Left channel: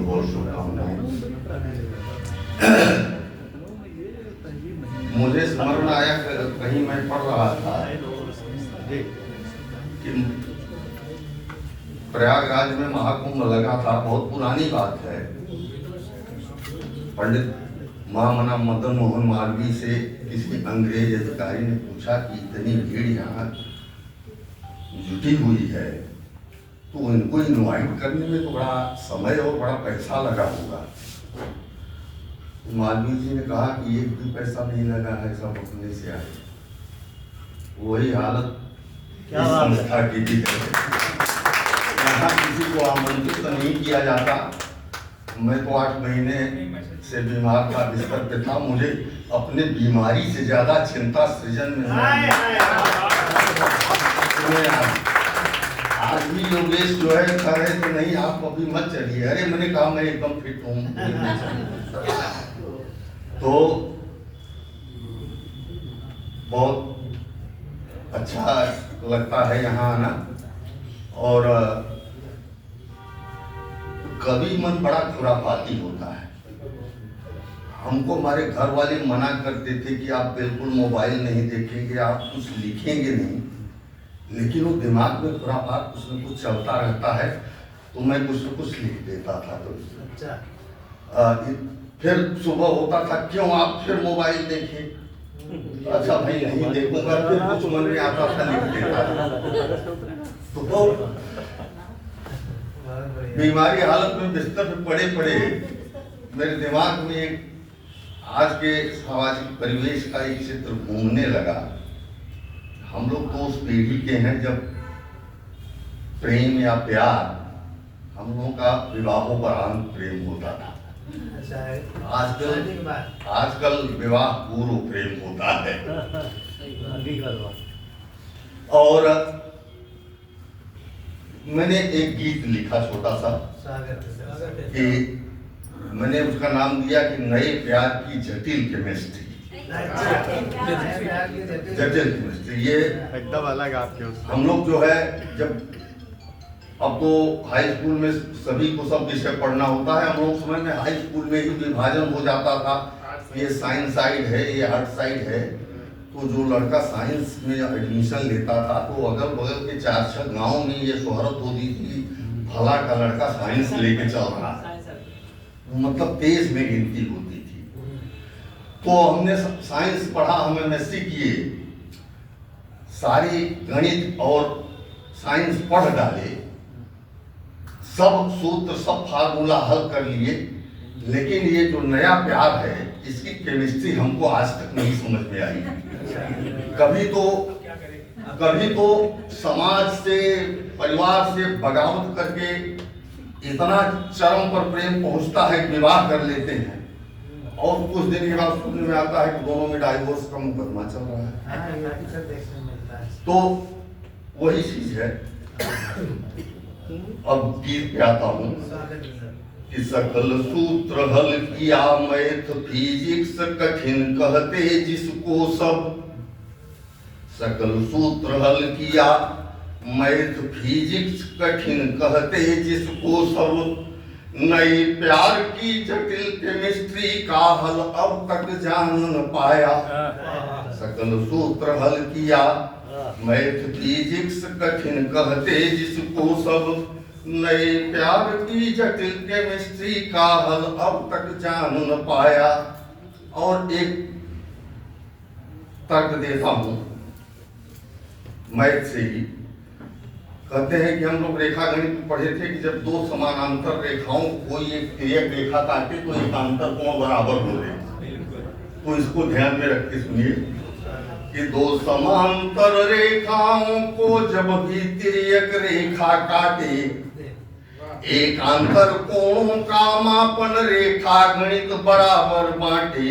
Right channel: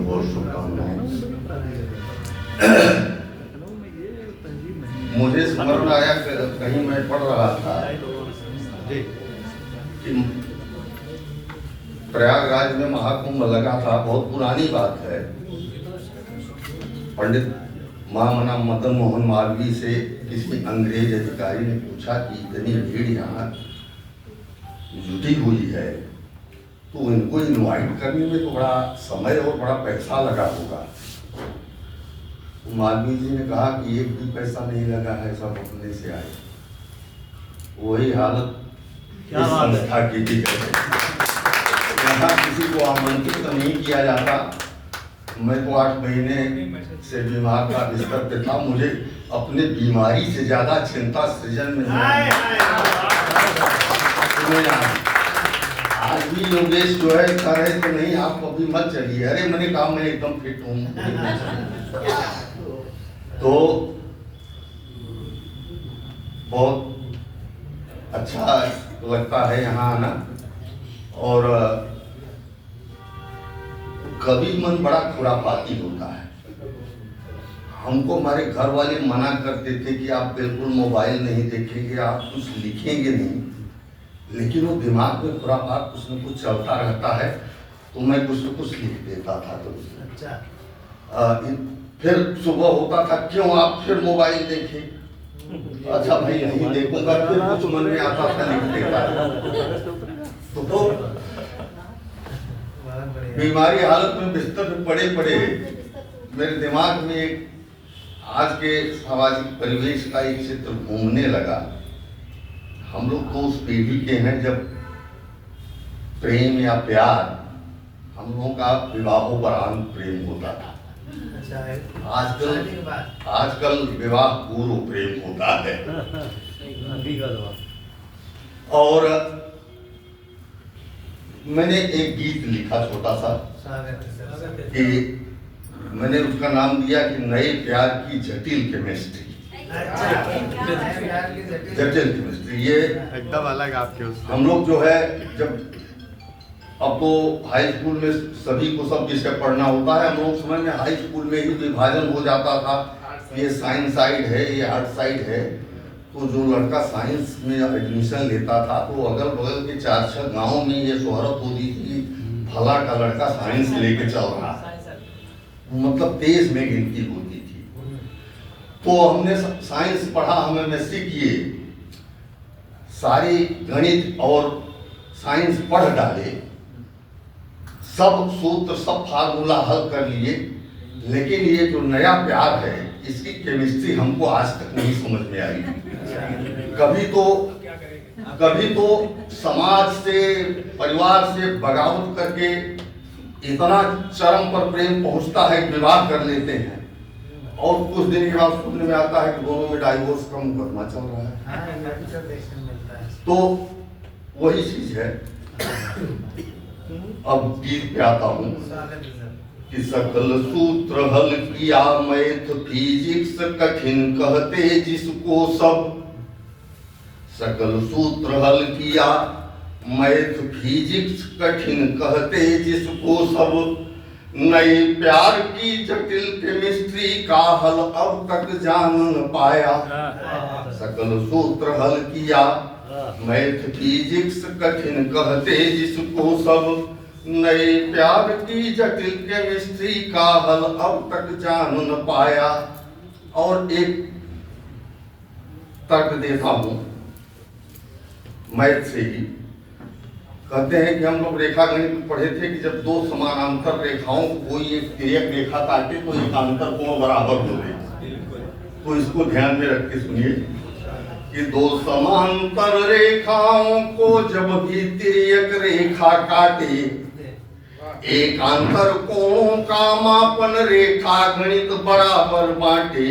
बहुत बहुत शुभकामनाएं। मुझे स्मरण आया कहीं मैं पढ़ रहा था कि प्रयागराज में महाकुंभ लगा था। बहुत पुरानी बात है। पंडित महामना मदन मोहन मालवीय से किसी अंग्रेज अधिकारी ने पूछा कि इतनी भीड़ यहाँ जुटी हुई है तो इनको इनवाइट करने में तो बड़ा समय और बड़ा पैसा लगा होगा। मालवीय जी ने कहा कि एक भी पैसा नहीं लगा है, सब अपने से आए। वही हालत इस संस्था की भी है। यहाँ किसी को आमंत्रित नहीं किया जाता। मैं तो 8 महीने से बीमार था, बिस्तर पे था। मुझे अपने बीमारी से ज्यादा चिंता सृजन में आज भी योगेश जो है कह रहे थे नहीं आप अभी मत चलिए। अरे मैंने कहा मैं एकदम फिट हूँ। तो बहुत अच्छा लगता है यहाँ आना। और कभी मन बड़ा खुरापाती होता है। हमको हमारे घर वाले मना करते थे कि आप बिल्कुल मोबाइल नहीं देखेंगे, आप कुछ लिखेंगे नहीं, लेकिन वो दिमाग में खुरापात कुछ न कुछ चलता रहता है तो मैं कुछ न कुछ लिख देता था। तो अच्छा फिर सुबह होता था क्यों आप फिर मोबाइल देखें। अच्छा भाई नहीं देखूंगा, फिर कुछ मन में आता था लिख देता था। तो बीमारी हालत में बिस्तर पे पड़े पड़े मेरे दिमाग में आज के सामाजिक परिवेश का एक चित्र घूमने लगा। हम लोग तो उस पीढ़ी के हैं जब प्रेम या प्यार, हम लोगों का विवाहोपरांत प्रेम होता था। आजकल विवाह पूर्व प्रेम होता है। और मैंने एक गीत लिखा छोटा सा कि मैंने उसका नाम दिया कि नए प्यार की जटिल केमिस्ट्री। जटिल केमिस्ट्री ये एकदम अलग आपके। हम लोग जो है जब अब तो हाई स्कूल में सभी को सब विषय पढ़ना होता है। हम लोग समय में हाई स्कूल में ही विभाजन हो जाता था, ये साइंस साइड है, ये आर्ट साइड है। तो जो लड़का साइंस में एडमिशन लेता था तो अगल बगल के 4-6 गाँव में ये शोहरत होती थी, भला का लड़का साइंस लेके चल रहा है, मतलब तेज में गिनती होती थी। तो हमने साइंस पढ़ा, हम एमएससी किए, सारी गणित और साइंस पढ़ डाले, सब सूत्र सब फार्मूला हल कर लिए, लेकिन ये जो नया प्यार है इसकी केमिस्ट्री हमको आज तक नहीं समझ में आई। कभी तो समाज से परिवार से बगावत करके इतना चरम पर प्रेम पहुंचता है, विवाह कर लेते हैं और कुछ दिन के बाद सुनने में आता है कि दोनों में डाइवोर्स का मुकदमा चल रहा है। तो वही चीज है। अब गीत पे आता हूँ कि सकल सूत्र हल किया मैथ फिजिक्स कठिन कहते जिसको सब। सकल सूत्र हल किया मैथ फिजिक्स कठिन कहते जिसको सब। नए प्यार की जटिल केमिस्ट्री का हल अब तक जान न पाया। सकल सूत्र हल किया मैथ फिजिक्स कठिन कहते जिसको सब। नए प्यार की जटिल केमिस्ट्री का हल अब तक जान न पाया। और एक तर्क देता हूं मैथ से ही। कहते हैं कि हम लोग रेखा गणित पढ़े थे कि जब दो समानांतर रेखाओं को कोई एक रेखा काटे तो एकांतर कोण बराबर हो गए। तो इसको ध्यान में रख के सुनिए कि दो समांतर रेखाओं को जब भी तिर्यक रेखा काटे, एकांतर कोणों का मापन रेखा गणित बराबर बांटे।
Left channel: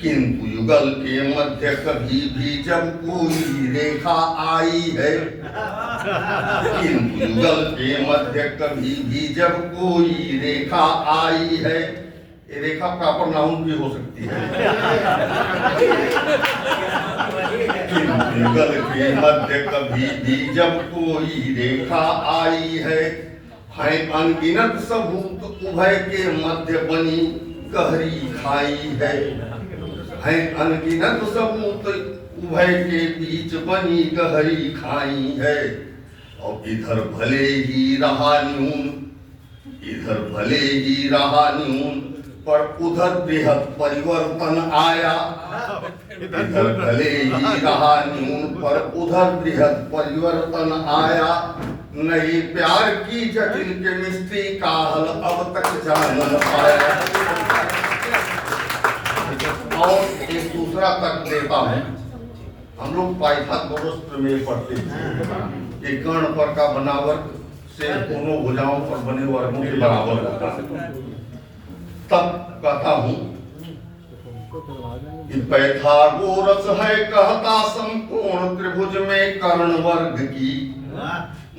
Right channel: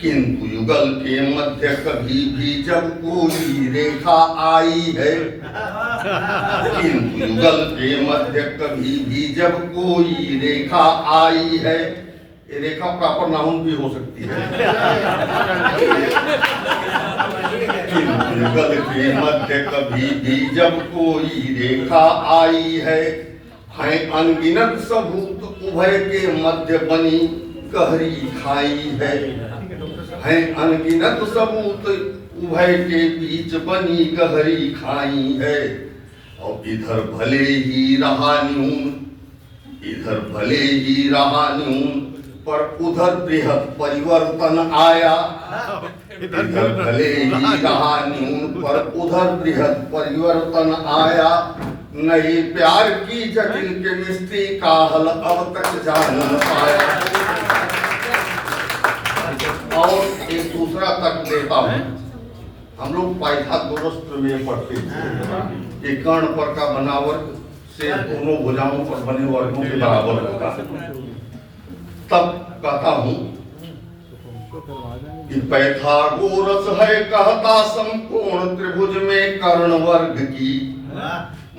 किंतु युगल के मध्य कभी भी जब कोई रेखा आई है, किंतु युगल के मध्य कभी भी जब कोई रेखा आई है, ये रेखा प्रॉपर नाउन भी हो सकती है। किंतु युगल के मध्य कभी भी जब कोई रेखा आई है, हैं अनगिनत सबूत उभय के मध्य बनी गहरी खाई है। हैं अनगिनत सबूत उभय के बीच बनी गहरी खाई है। और इधर भले ही रहा न्यून, इधर भले ही रहा न्यून, पर उधर बृहद परिवर्तन आया। इधर भले ही रहा न्यून, पर उधर बृहद परिवर्तन आया। नई प्यार की जटिल केमिस्ट्री का हल अब तक जान न पाया। और एक दूसरा तक देता हूं, हम लोग पाइथागोरस प्रमेय पढ़ते थे कि कर्ण पर का बना वर्ग से दोनों भुजाओं पर बने वर्गों के बराबर होता है। तब कहता हूं कि पाइथागोरस है कहता समकोण त्रिभुज में कर्ण वर्ग की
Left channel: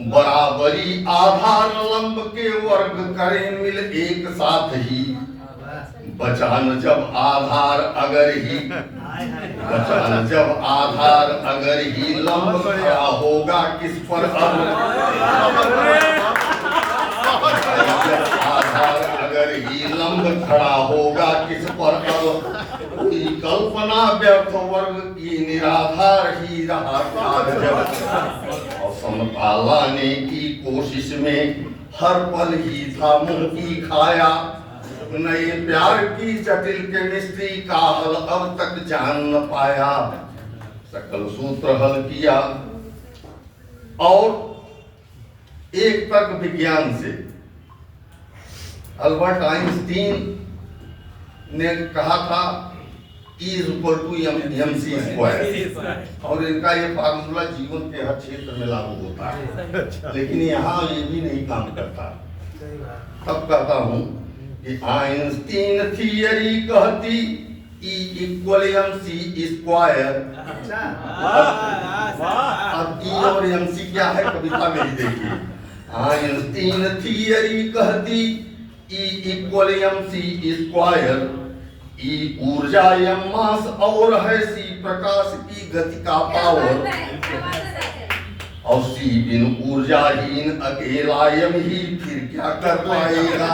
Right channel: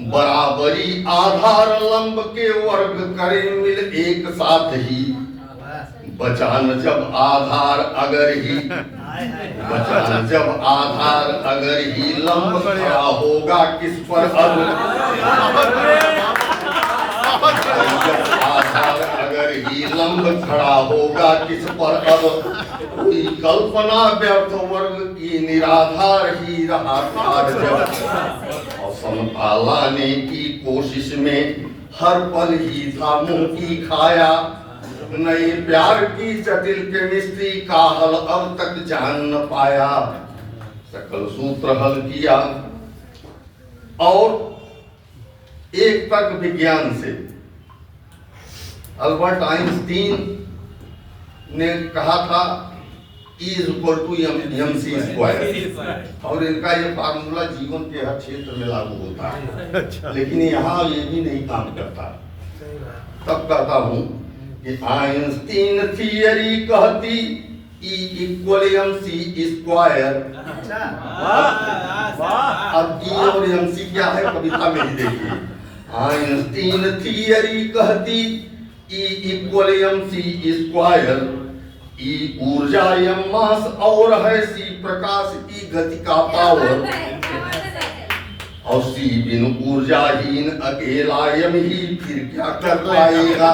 बराबरी आधार लंब के वर्ग करे मिल एक साथ ही। बचान जब आधार अगर ही, बचान जब आधार अगर ही लंब खड़ा होगा किस पर अब। आधार अगर ही लंब खड़ा होगा किस पर अब। कोई कल्पना व्यर्थ वर्ग की निराधार ही रहा कार जब। और समता लाने की कोशिश में हर पल ही था मुंह की खाया। नई प्यार की जटिल केमिस्ट्री का हल अब तक जान न पाया। सकल सूत्र हल किया और एक तर्क विज्ञान से अल्बर्ट आइंस्टीन ने कहा था E = mc²। और इनका ये फार्मूला जीवन के हर क्षेत्र में लागू होता है, लेकिन यहाँ ये भी नहीं काम करता। तब कहता हूं कि आइंस्टीन थियरी कहती E = mc²। अब E और mc क्या है कविता में ही देखिए। आइंस्टीन थियरी कहती E = mc²। ई ऊर्जा एम मास और है सी प्रकाश की गति का पावर। और सी बिन ऊर्जाहीन अकेला यम ही फिर क्या कर पाएगा।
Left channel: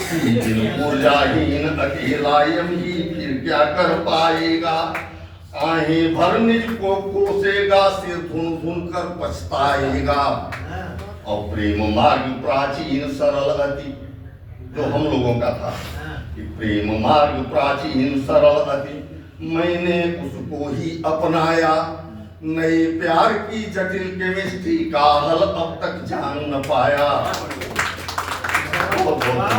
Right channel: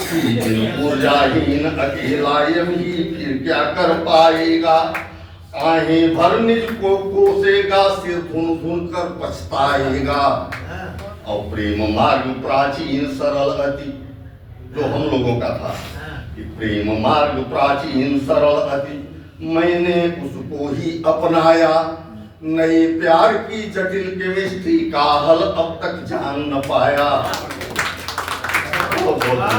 सी बिन ऊर्जाहीन अकेला यम ही फिर क्या कर पाएगा। आहें भर निज को कोसेगा, सिर धुन धुन कर पछताएगा। और प्रेम मार्ग प्राचीन सरल अति, जो हम लोगों का था कि प्रेम मार्ग प्राचीन सरल अति, मैंने उसको ही अपनाया। नए प्यार की जटिल केमिस्ट्री का हल अब तक जान न पाया। बहुत बहुत